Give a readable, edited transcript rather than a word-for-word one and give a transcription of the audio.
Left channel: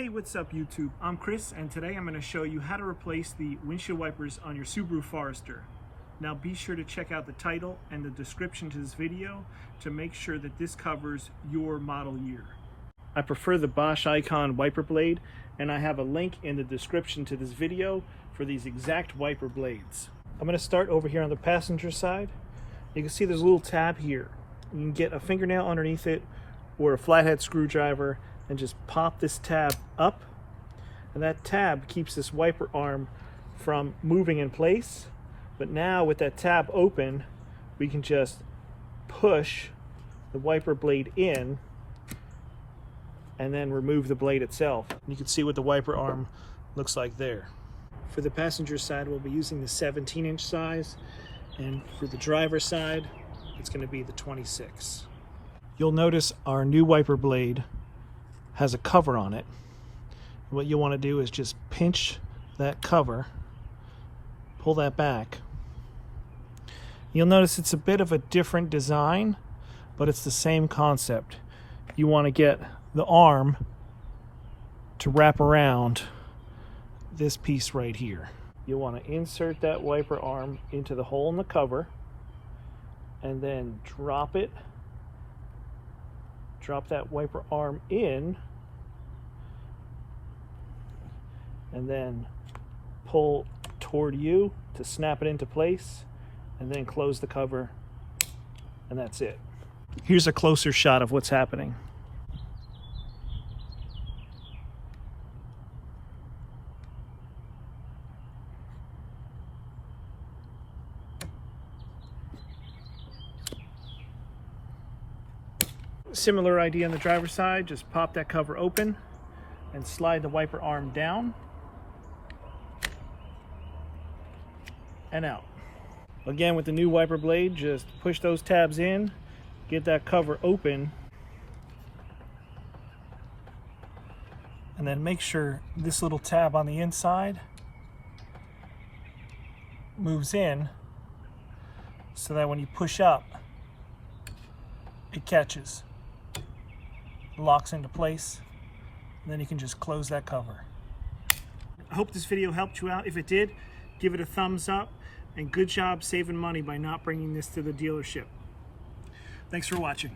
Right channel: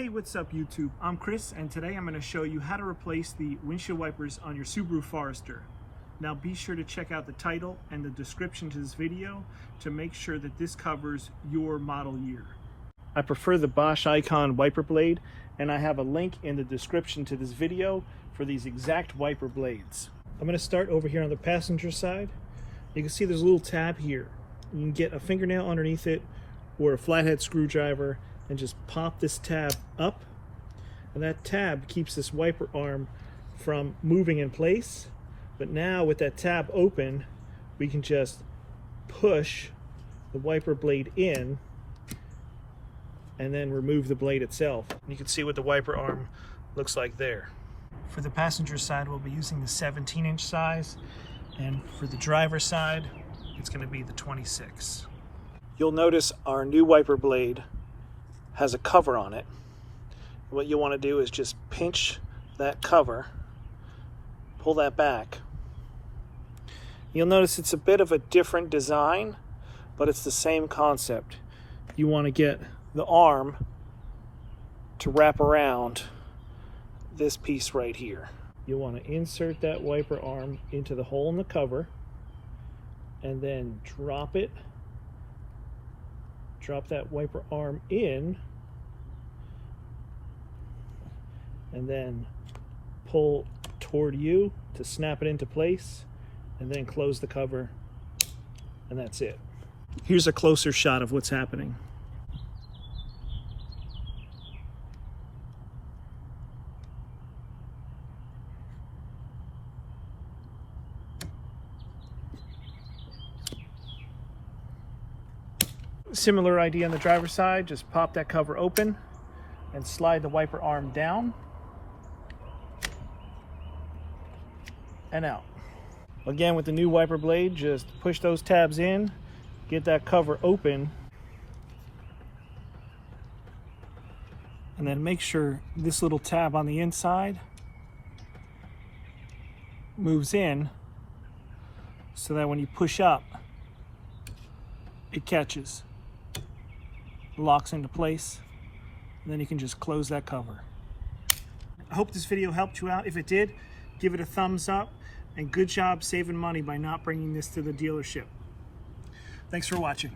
Hey, what's up YouTube? I'm Chris, and today I'm going to show you how to replace the windshield wipers on your Subaru Forester. Now be sure to check out the title and the description to this video to make sure that this covers your model year. I prefer the Bosch Icon wiper blade, and I have a link in the description to this video for these exact wiper blades. I'm going to start over here on the passenger side. You can see there's a little tab here. You can get a fingernail underneath it or a flathead screwdriver and just pop this tab up, and that tab keeps this wiper arm from moving in place. But now with that tab open, we can just push the wiper blade in and then remove the blade itself. You can see what the wiper arm looks like there. For the passenger side, we'll be using the 17-inch size, and for the driver side, it's going to be the 26. You'll notice our new wiper blade has a cover on it. What you'll want to do is just pinch that cover, pull that back. You'll notice it's a bit of a different design, but it's the same concept. You want to get the arm to wrap around this piece right here. You'll want to insert that wiper arm into the hole in the cover and then drop that wiper arm in, and then pull toward you to snap it into place, and then close the cover, and that's it. Here's a closer shot of what's happening. Similar idea on the driver's side. Just pop that cover open and slide the wiper arm down and out. Again, with the new wiper blade, just push those tabs in, get that cover open, and then make sure this little tab on the inside moves in so that when you push up, it catches, locks into place, and then you can just close that cover. I hope this video helped you out. If it did, give it a thumbs up, and good job saving money by not bringing this to the dealership. Thanks for watching.